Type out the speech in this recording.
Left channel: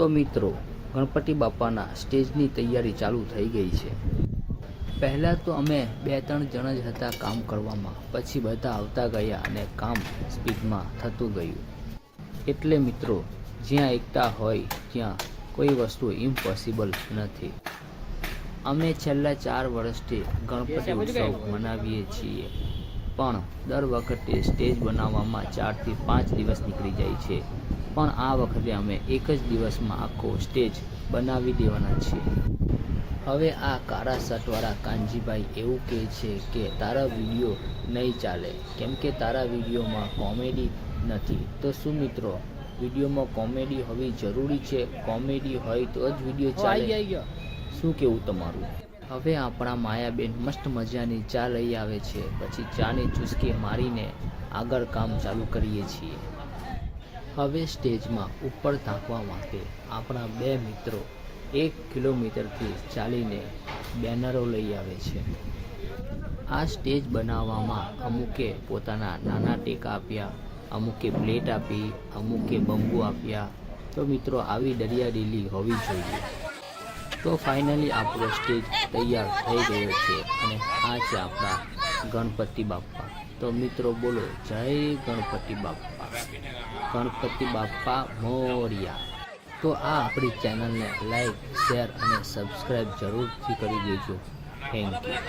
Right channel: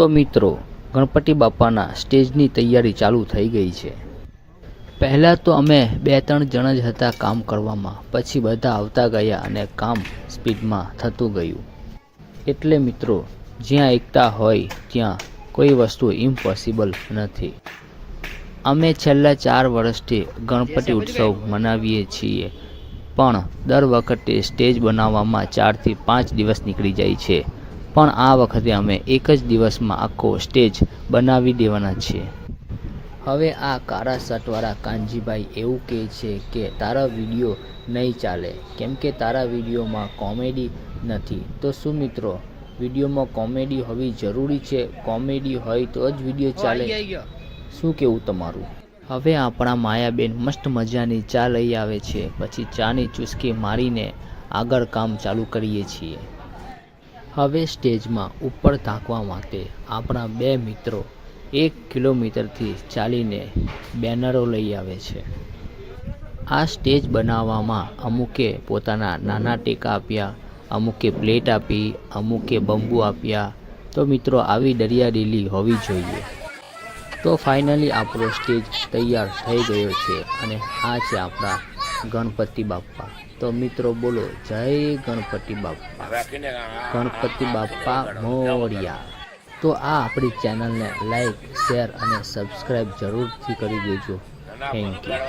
તો મિત્રો, ગણપતિ બાપાના સ્ટેજની તૈયારી ચાલુ થઈ ગઈ છે। પહેલાં તો અમે 2-3 જણ જ હતા કામ કરવામાં, પછી બધા આવતા ગયા અને કામ સ્પીડમાં થતું ગયું। એટલે મિત્રો, જ્યાં એકતા હોય ત્યાં કોઈ વસ્તુ ઇમ્પોસિબલ નથી। અમે છેલ્લા 4 વર્ષથી ગણપતિ ઉત્સવ મનાવીએ છીએ, પણ દર વખતે સ્ટેજ બનાવવામાં 4 થી 5 દિવસ નીકળી જાય છે, પણ આ વખતે અમે એક જ દિવસમાં આખો સ્ટેજ બનાવી દેવાના છીએ। હવે આ કાળા શર્ટવાળા કાનજીભાઈ એવું કહે છે કે તારા વિડીયો નહીં ચાલે કેમ કે તારા વિડીયોમાં કોમેડી નથી। તો શું મિત્રો, વિડીયોમાં કોમેડી હોવી જરૂરી છે? કોમેડી હોય તો જ વિડીયો ચાલે? શું કહેવું તમારું? હવે આપણા માયાબેન મસ્ત મજાની ચા લઈ આવે છે, પછી ચાની ચુસ્કી મારીને આગળ કામ ચાલુ કરીએ છીએ। હવે સ્ટેજમાં ઉપર ધાંકવા માટે આપણા 2 મિત્રો 1 કિલોમીટરથી ચાલીને બેનરો લઈ આવે છે। આ સ્ટેજ બનાવવામાં અમુકે પોતાના નાના ટેકા આપ્યા, અમુકે પ્લેટ આપી, અમુકે બંબુ આપ્યા। તો મિત્રો, આવી દરિયાદિલી હોવી જોઈએ। તો ફાઇનલી આપણો સ્ટેજ તૈયાર થઈ ગયો છે અને આ છે આપણા ગણપતિ બાપ્પા। તો મિત્રો બોલો, જય ગણપતિ બાપ્પા, ગણપતિ બાપ્પા મોરિયા। તો આ આપણી ચેનલને લાઈક, શેર અને સબસ્ક્રાઈબ જરૂરથી કરી દેજો। Thank you.